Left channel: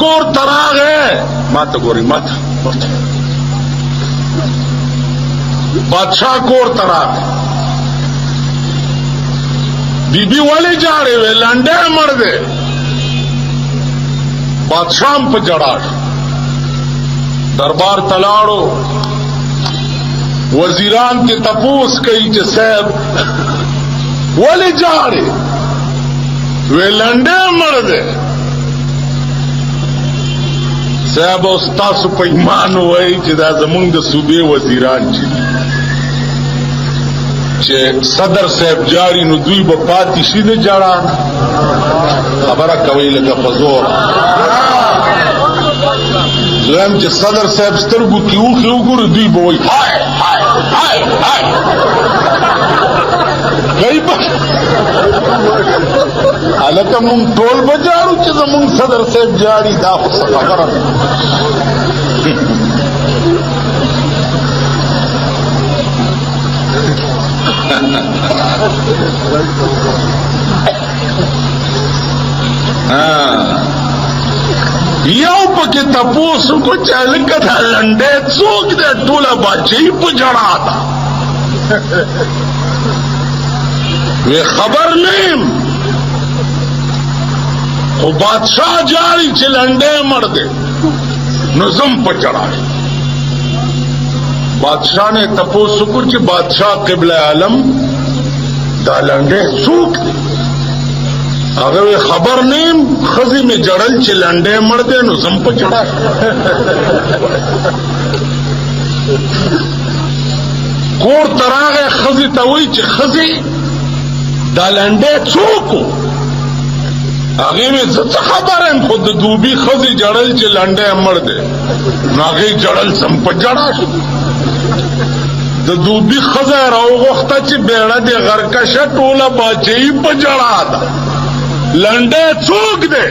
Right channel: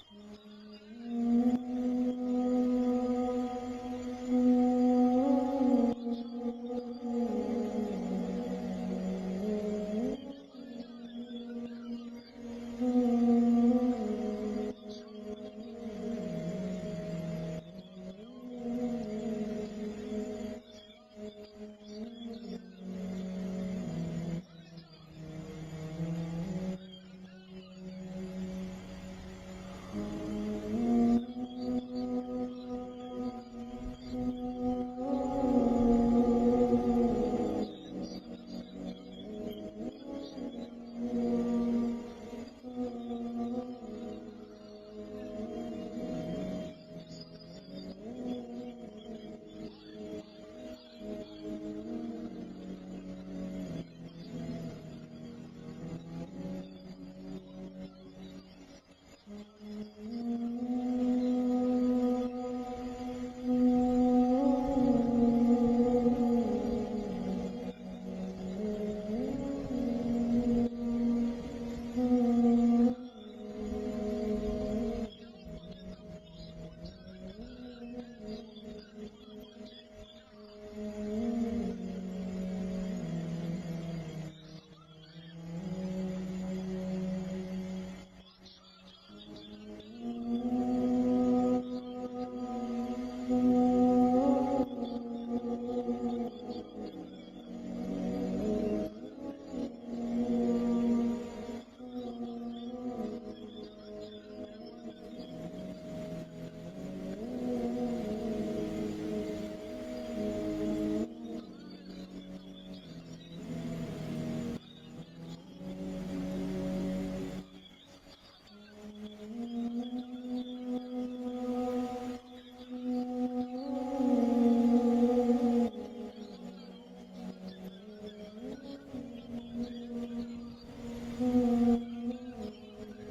کور تراغه ماته ګوري ماته بادشاہ کور تراغه be be والے جاڑے وے لانڈے مر دے بادشاہ پہ جڑاش دربار تلاڑو وزیران کے تپوس کئی چے صاحب والے جاڑے وے لانڈے مر دے صاحب استاسو پہ ایمان ہوئی چے دا زمونگ دا صوبے وزیران چی چې صدر صاحب جاری نو دوی به پاتې شي د جړه خبره کوي لکه په زور دویم چې صدر صاحب سترګو کې اوښې وګوري دوی به وایي هاي هاي هاي هاي کوي به هلکه مونږ ټول به جاړو چې زمونږ صدر صاحب جاري دا خو څه خبره ده یو پکې تپوسو کو چالکه دا لنډې څوک دې ټوله باچې په جړا ده وی خبر نیم خو بادشاہ جاری چې لنډې مړ دے نو زم په جړا بادشاہ نے تپوسو کو چې بادشاہ قبلہ عالم دا لنډې څوک دے هغه خبر نیم خزی میں جڑل چې لنډې مړ دے نو زم په جړا کور تراغه خزی ته وی چې خزی دا لنډې څوک هغه مې څه خبرم خود دوبي خزی جړل چې لنډې مړ دے نو هغه جړل زم په جړا شو د دوبي خزه راو وخته چې بیړه دې غرکشه ټوله باچې په جړا ده لنډې څوک دی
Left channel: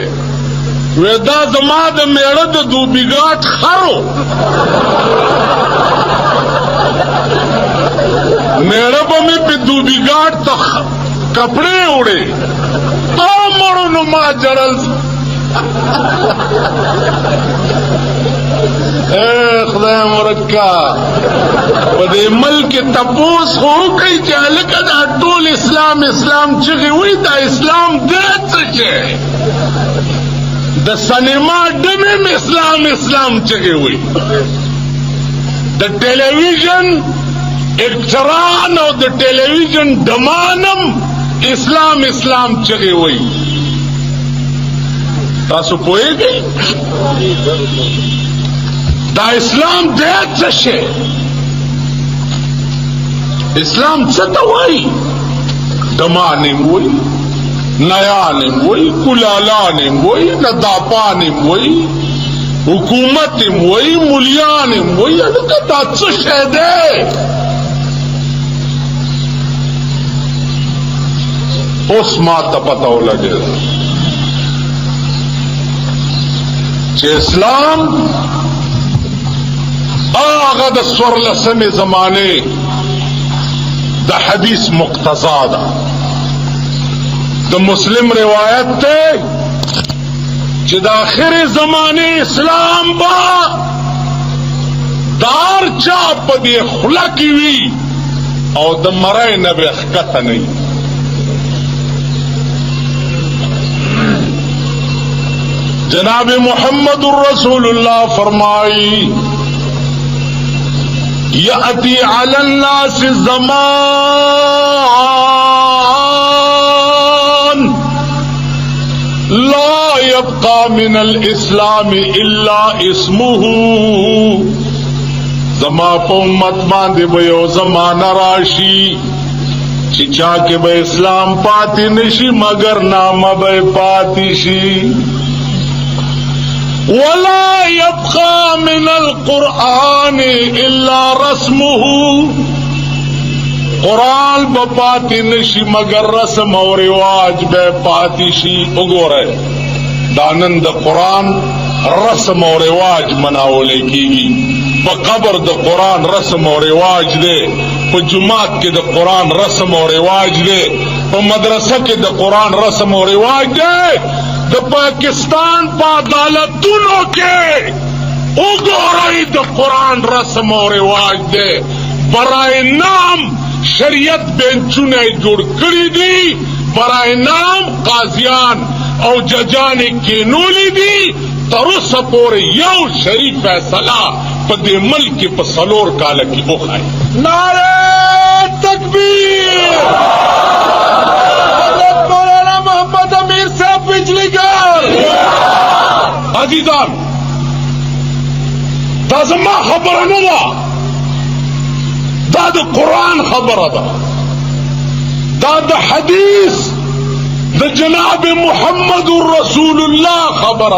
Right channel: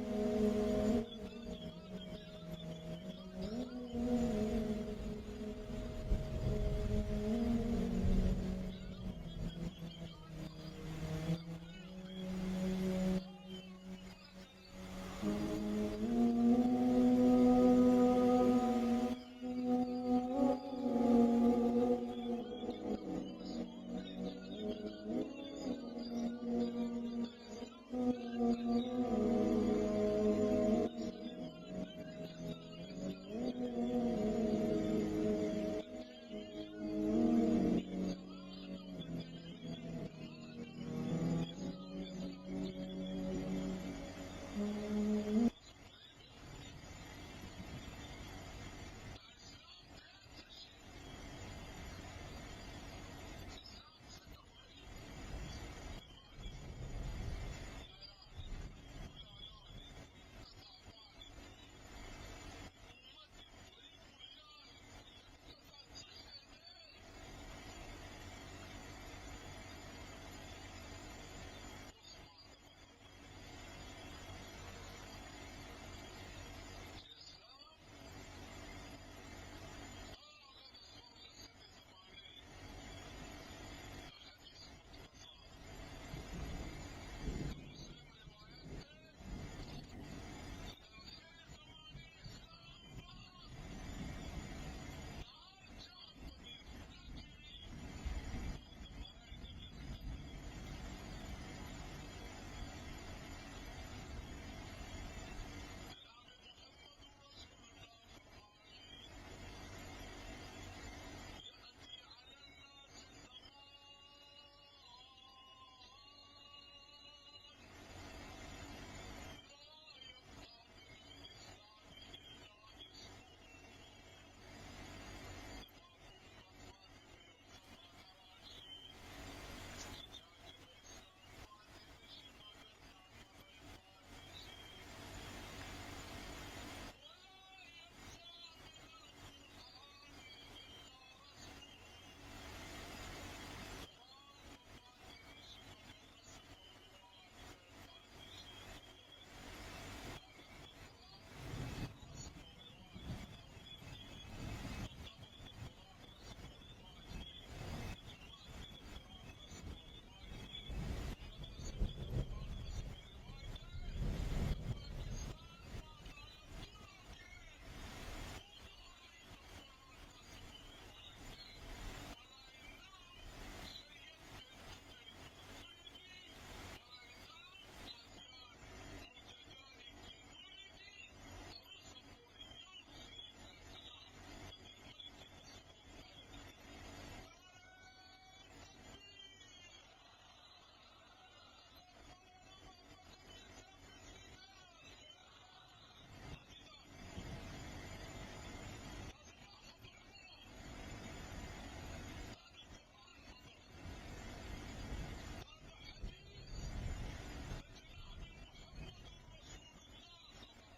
وې دا زما د میړه د دوبیګاټ خرو میړه به مې په دوبیګاټ ته کپڑے وړې مړو نو ما جړل خدای مرکا په دې ملک تپوس هو کوي چې هلکه دا ټول اسلام اسلام چغې وي دا اسلام دی څه شی د سینما ډمې اسلام اسلام چغې وي د ټلویزیون اکټران او د ټلویزیون ډمانم اسلام اسلام چغې وي تاسو پوهیږئ دا اسلام دی څه شی اسلام څه ته وایي دمانم وایي نیانم وایي کلالانم وایي نداپانم وایي حکومتم وایي ملیانم وایي هلکه دا څه شی دی اوس ما ته پته ولګېده چې اسلام آغا د سورلسمې زمانه د حدیث مقتضا ده د مسلم روایت ته چې د آخر زمانه اسلام با دار چا په دې خوله کې وي او د مرای نه به ښکته نه وي جناب محمد رسول اللہ فرمائی یأتی علی الناس زمان لا يبقى من الاسلام الا اسمه زما په امت باندې به یو زمانہ راشي چې چا کې به اسلام پاتې نشي مگر نامه به پاتې شي ولا يبقى من القرآن الا رسمه قرآن بپاتی نشی مگر رسم و رواج بے پاتی شی اگورے دانند قرآن رسم و رواج مناولے کی گی پا قبر دا قرآن رسم و رواج دے پا جماعت کے دا قرآن رسم و رواج دے پا مدرسہ کے دا قرآن رسم و رواج دے द पाकिस्तान पा अदालतों के उगोरई द कुरान रस्म और रिवाज दे बराए नाम शरीयत बेंचुने जुड़ करी दी, बराए नाम काजियान और जजान केनोली दी तरुस पोर यौ शरीफ फैसला पदे मुल्क के पसलोर काल की हो खाए। नारे तकबीर। हज़रत मौलाना मोहम्मद अमीर साहब बिजली घर। अजीजान दाजमा खबर न दाद कुरान खबर दाद हदीस द जनाब मुहम्मद रसूलुल्लाह खबर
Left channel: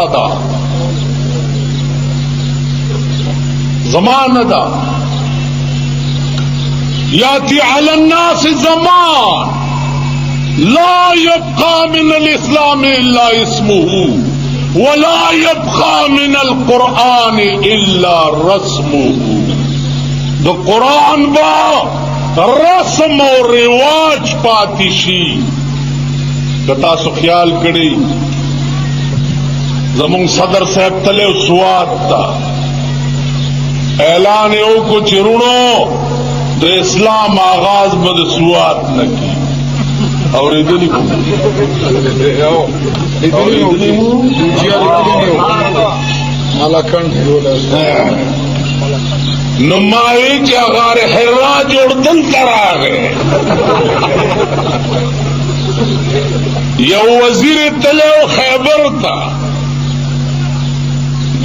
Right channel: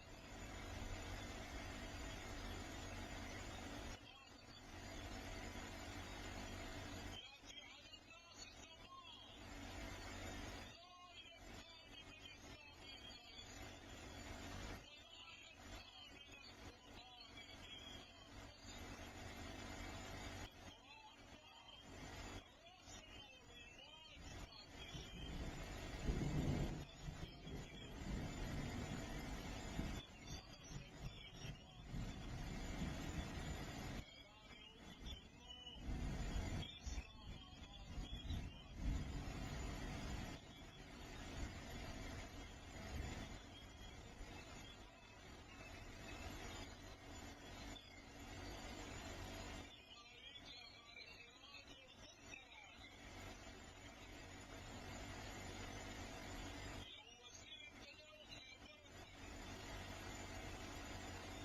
जमान याती अलन्नास ज़मान ला यब्का मिनल इस्लाम इल्ला इस्मुहु वला यब्का मिनल कुरान इल्ला रस्मुहु। द कुरान बा रस्म और रिवाज पातिशी कता सो ख्याल कड़ी जमुंग सदर साहब तले सुआत था ऐलान हो कुछ रुणो तो इस्लाम आगाज बद सुआत न की और इधर नुमाई चागार हिर्रा जोड़दन करा गए यह वजीर तले खैबर था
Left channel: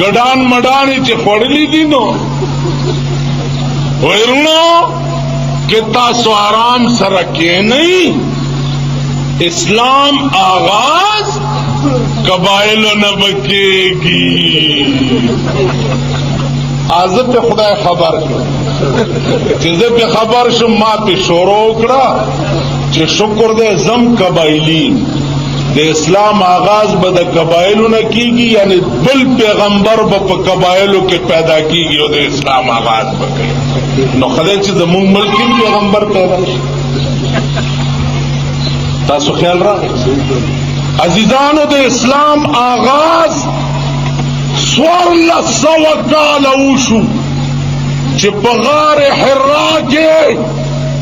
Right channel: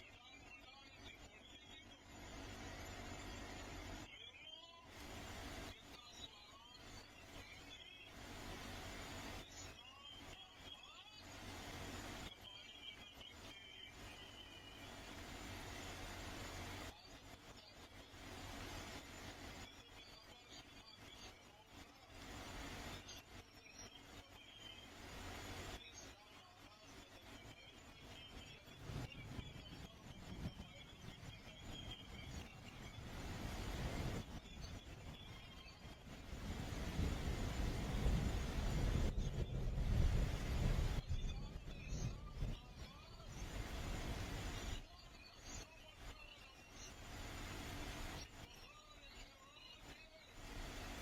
गडान मडानी चे पड़ली दिनो वरुणो कितना सो आराम सरके नहीं इस्लाम आगाज कबाइलो न बकेगी आजब पे खुदा खबर चीजें पे खबर शो माँ पे शोरो उकड़ा चे शुक्र दे जम कबाइली दे इस्लाम आगाज बद कबाइलों न कीगी यानी बिल पैगंबर ब कबाइलों के पैदा कीगी और दे इस्लाम आगाज बके नखले चीज मुंग मुल्की पैगंबर पैदा तासु ख्याल रहा अजीजानो दे इस्लाम आगाज स्वर्ल सवकाल ऊशु चिपगार हिर्रा के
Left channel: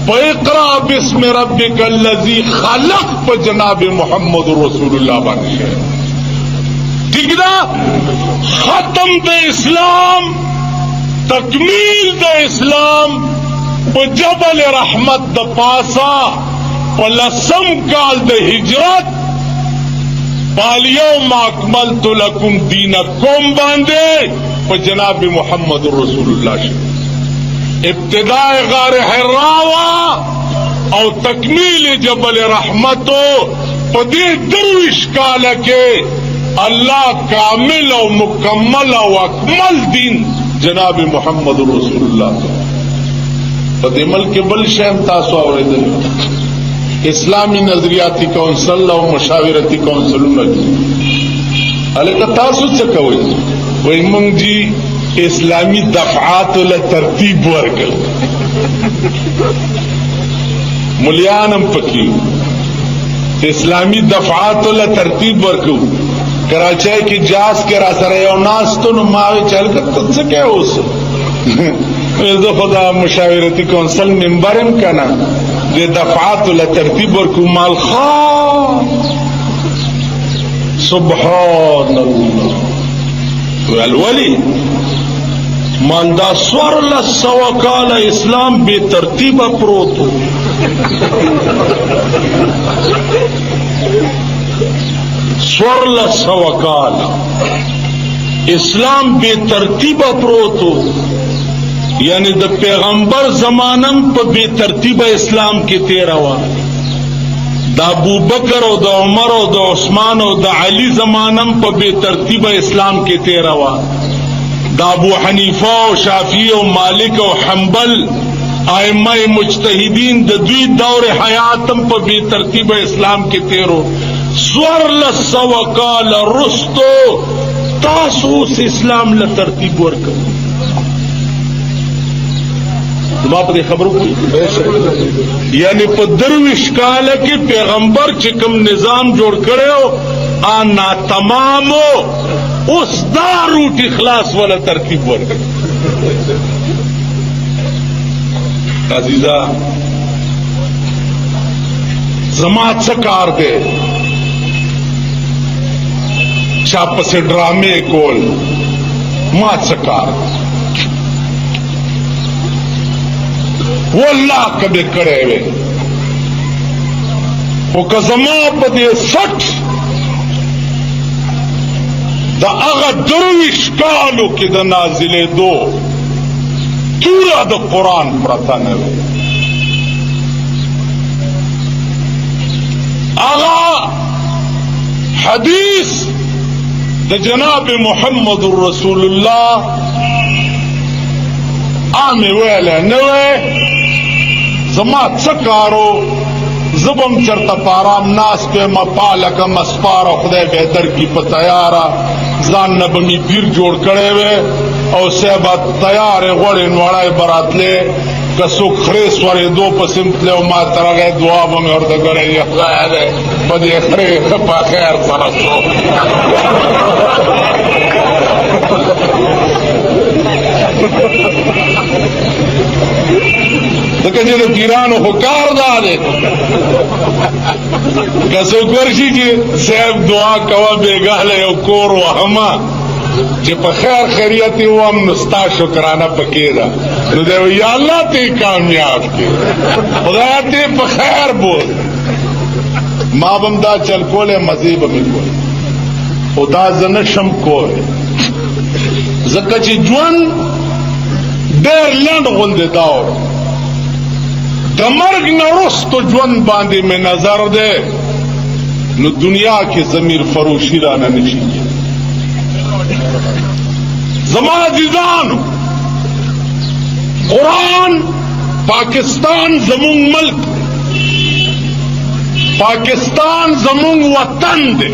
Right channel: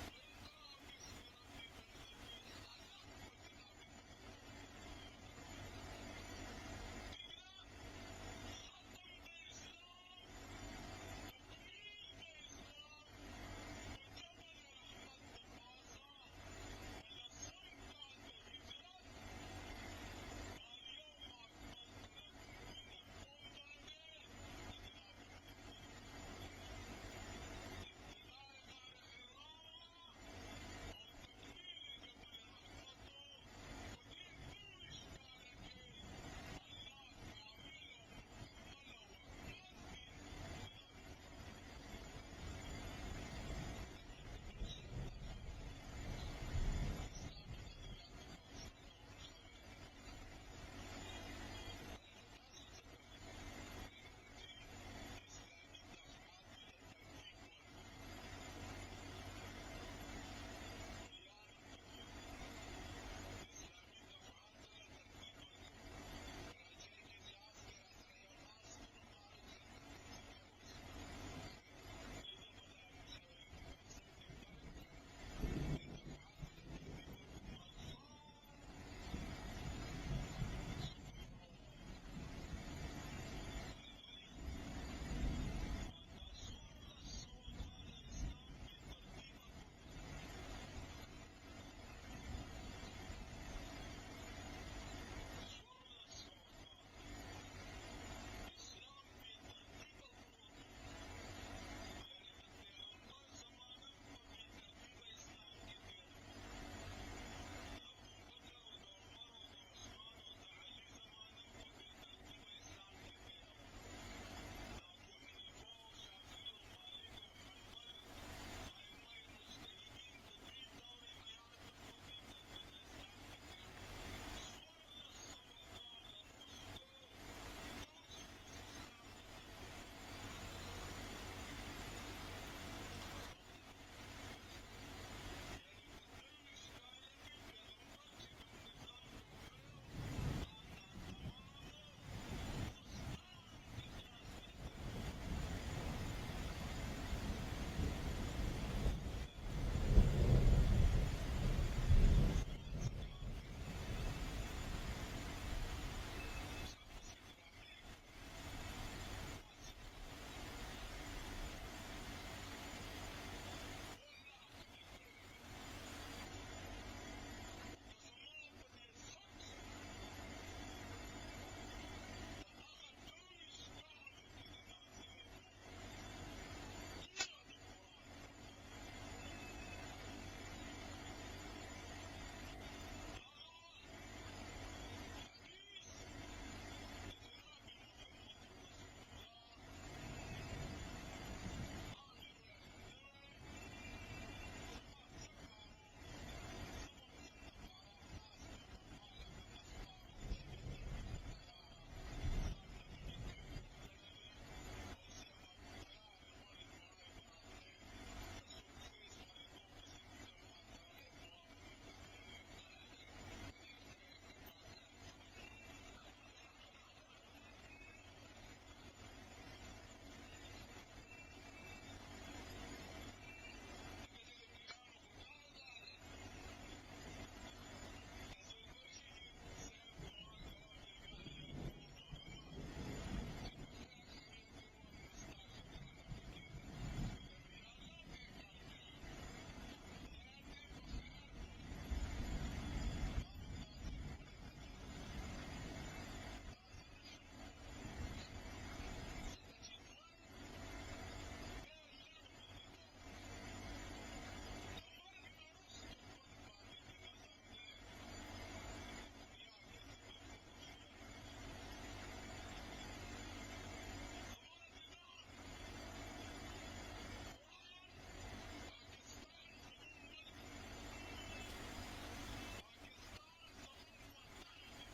पैकरा बिस्म रब्बिकल लज़ी खलक पर जनाब मोहम्मद रसूलुल्लाह बने ठीक ना खत्म दे इस्लाम तकमील दे इस्लाम प जबल रहमत द पासा प लसम काल द हिजरत पालियो माकमल तो लकुम दीनकुम बांधे प जनाब मोहम्मद रसूलुल्लाह इब्तिदाए गार हिर्रावा और तकमील जबल रहमतो पदे दरविश काल के अल्लाह कामिल और मुकम्मल और अकमल दीन जनाब मोहम्मद रसूलुल्लाह पदे मल के बल शहम तासो और इस्लामी नजरियाती कौंसल और मुशावरती कौंसल अले का तासु चकवे वही मंग जी इस्लामी दफात तरतीब वर्गल मुलियानम पकी इस्लामी दफात तरतीब वर्गू कराचे की जास के रासरे और नास तो नुमावे चल कर तुझसे क्या हो सो खुदा मुशावरती कौंसल मेंबरम का ना ये दफात तरतीब वर्गू माल खा सुबहान अल्लाह वली मानदा स्वर्ल सवकाल इस्लाम बेतरतीब प्रोत हो स्वर्ल सवकाल इस्लाम बेतरतीब प्रोत हो यानी द पैगंबर जमानम पर बेतरतीब इस्लाम के तेरवा द अबू बकर और द उमर और द उस्मान और द अली जमानम पर बेतरतीब इस्लाम के तेरवा द अबू हनीफा और शाफी और मालिक और हम्बल आइम्मा मुज्तहिदीन द द्वी दौर हयातम पर बेतरतीब इस्लाम के तेरो स्वर्ल सवकाल रुस्तो तासूस इस्लाम ल तरतीब वर्क बाप दे खबरों को यानी पर दरविश काल के पैगंबर चिकम निजाम जोड़ करे हो आना तमामो उस दा रूट इखलास वाला तरकीब वर्ग अजीजा जमात से कार दे चाप से ड्रामे कोल मात से कार वो अल्लाह कदे करे वे वो कजमा पदे सठ दा अगा दरविश कालो के द नाजिले दो पूरा द कुरान पढ़ता न वे आगा हदीस द जनाब मोहम्मद रसूलुल्लाह आमे वेले नवे जमात सकारो जबम चरता पाराम नास पे मपालक मस्पारा खुदे बेहतर की तैयारा जान नबमी पीर जोड़ करे वे और सेबत तैयार गोड़े नवाड़ाए बरातले कसो खरे स्वरे दो पसिमतले मा तरह गए दुआ में और तो करे बदे खरे खपा खैर सरसो तो कहे तो पीरान हुकार दादे कसो करशी जी सेब दुआ कवा बेगाले कोर हमा जे पे खैर खैरियत वो हम नुस्ता शुक्राना पकेदा तो दे या अल्लाह ते कामयाब के खुदा ते पे खैर बोल मां बंदा चल कोले मजीब में कोल खुदा जनशम कोल जकची जुन देर लंड गुंदे दावर दमर्ग नरुस तो जुन बांधे में नजर दे न दुनिया की जमीर फरोशी राना नशी जमाना जिजान कुरान पाकिस्तान जमुंग मुल्क पाकिस्तान जमुंग वतन दे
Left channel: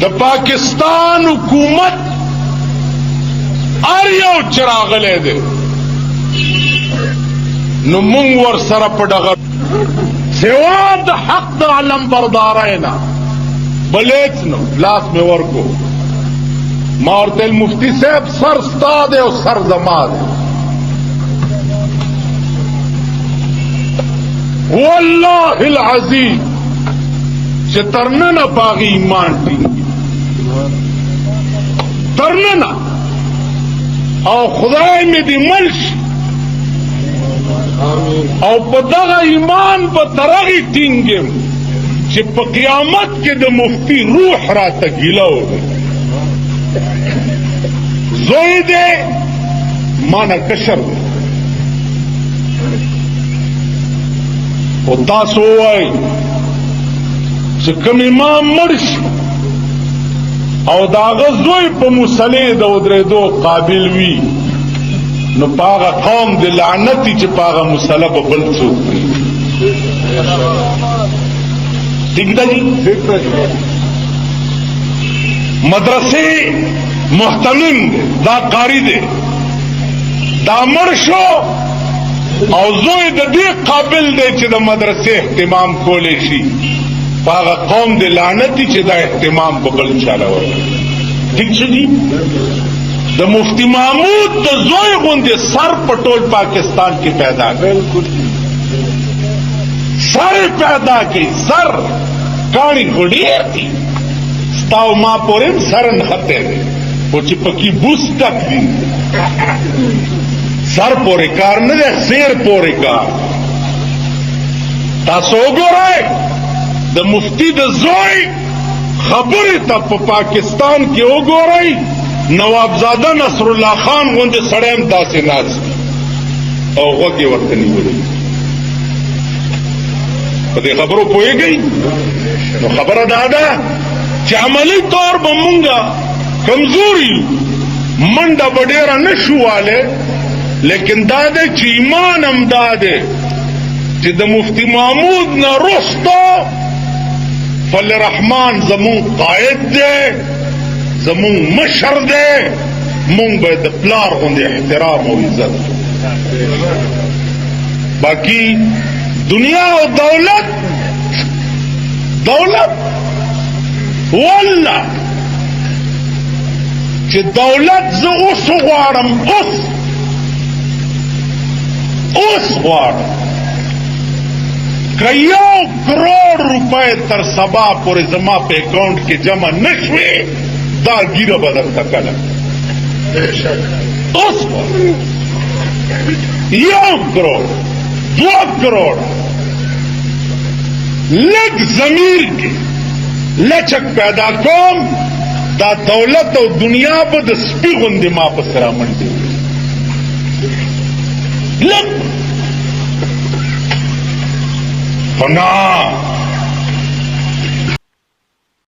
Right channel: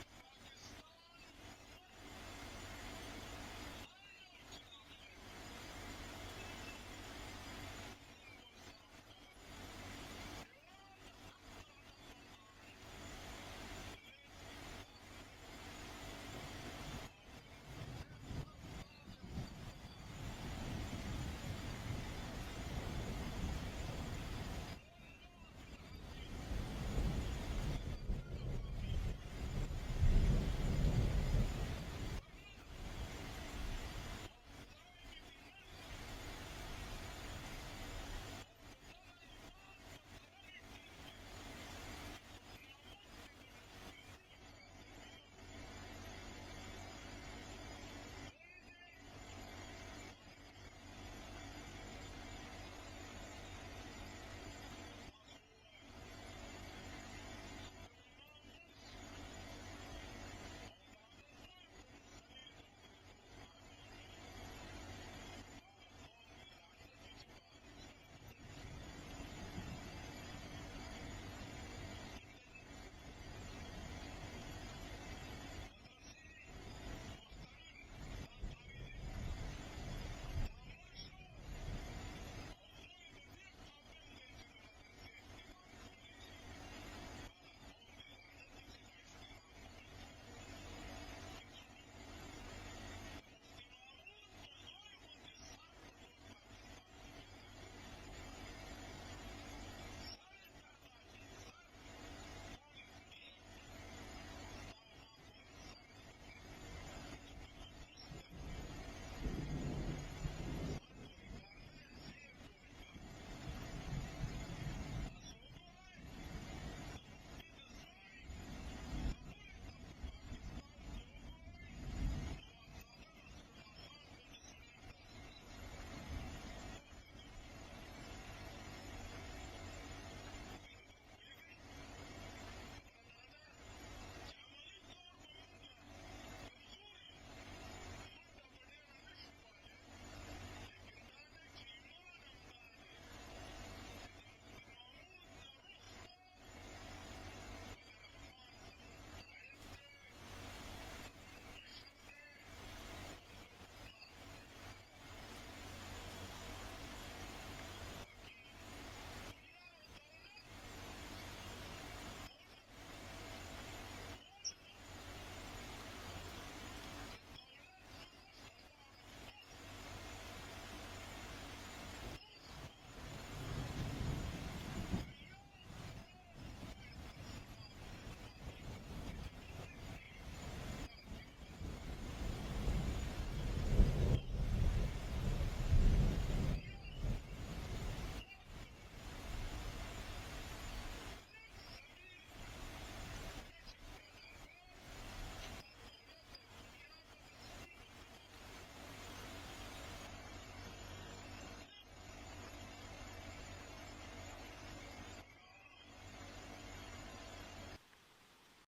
द पाकिस्तान हुकूमत आरियो चरागले दे नुमुंग वर सरप डगर सेवाद हक द आलम बरदारेना बलेच नो लास में वर को मारतेल मुफ्ती साहब सर स्ताद और सर जमाद वल्लाहिल अजीज से तरनना पागी ईमान टींगी तरनना और खुदाई में दी मल्श और पदगा ईमान बतरगी टींगे कि क़यामत के द मुफ्ती रूह रात गिला हो गई जोई दे माना कशर दे और तासो आई से कम इमाम मर्श और दागा जोई पर मुसले दौदरे दो काबिल वी न पागा कौम दे लानती च पागा मुसला बबल सो ठीक जी मदरसे मुहतमिम दा कारी दे दा मर्शो और जोई दे काबिल दे च द मदरसे एहतिमाम कोले शी पागा कौम दे लानती च दा एहतिमाम बबल चाला हो ठीक जी द मुफ्ती महमूद द जोई गुंदे सर पटोल पाकिस्तान की पैदा बिल्कुल सर पैदा की सर काणी घुड़ियर थी स्ताव मां पोरे सरन खते वो चिपकी बूस तक दी सर पोरे कार न दे शेर पोरे कार तासोगो रहे द मुफ्ती द जोई खबरे तब पाकिस्तान के ओगो रही नवाबजादा नसरुल्लाह खान गुंदे सड़ेम दासे नाज और वगे वक्त नहीं बोले पते खबरों पोए गई तो खबर दादा अमली तौर बमूंगा कमजोरी मंडा बडेरा नशु वाले लेकिन दादे चीमान हम दादे जिद मुफ्ती महमूद न रोस्तो फल रहमान जमूं कायद दे जमूं मशर दे मूंग बेद प्लार होंगे एहतराम और इज्जत बाकी दुनिया और दौलत दौलत والله چې دولت زه اوس غواړم اوس غواړم که 1 کروڑ روپے تر سبا پورې زما په اکاؤنٹ کې جمع نشوي دا ګیره به درته کله اوس 1 کروڑ 2 کروڑ لږ ضمیر کې لچک پیدا کوم دا دولت او دنیا به د سپي غوندې ما پسې رامنډې لږ خو نه